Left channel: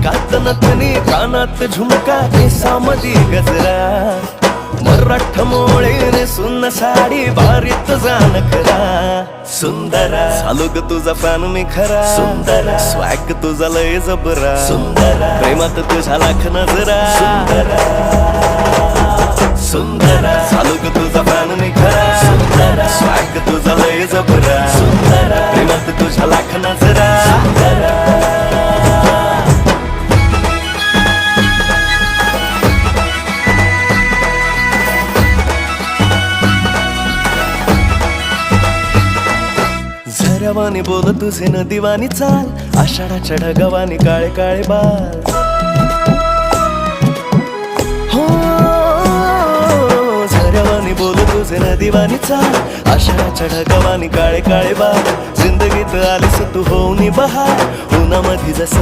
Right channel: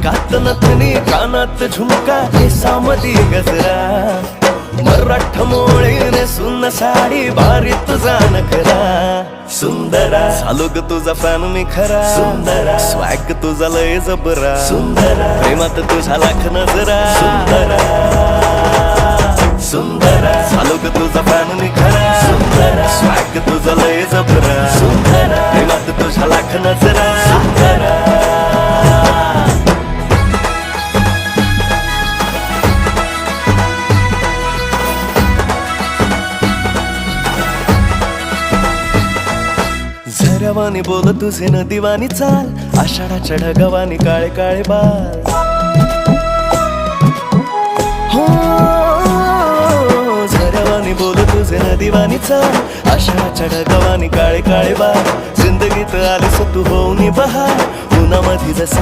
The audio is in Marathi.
नाकात नथनी कानात झुमका केसामधी गजरा मराठ मोळीने सुन्न साडी भारी तुझा नखरा सुंदरा झालो ग तुझा फॅन मी खरा स्वॅग तुझा लय जबरा प्रेमात तुझा लाख नजरा सुंदरा झालो ग तुझा फॅन मी खरा स्वॅग तुझा लय जबरा प्रेमात तुझा लाख नजरा झऱ्यावानी बोल तुझे नदीवानी चाल आषाढाच्या ढगावानी काळे काळे बाल हो झऱ्यावानी बोल तुझे नदीवानी चाल आषाढाच्या ढगावानी काळे काळे बाल जिंदगीत आलीस तू होऊन बहार उन्हामध्ये जसं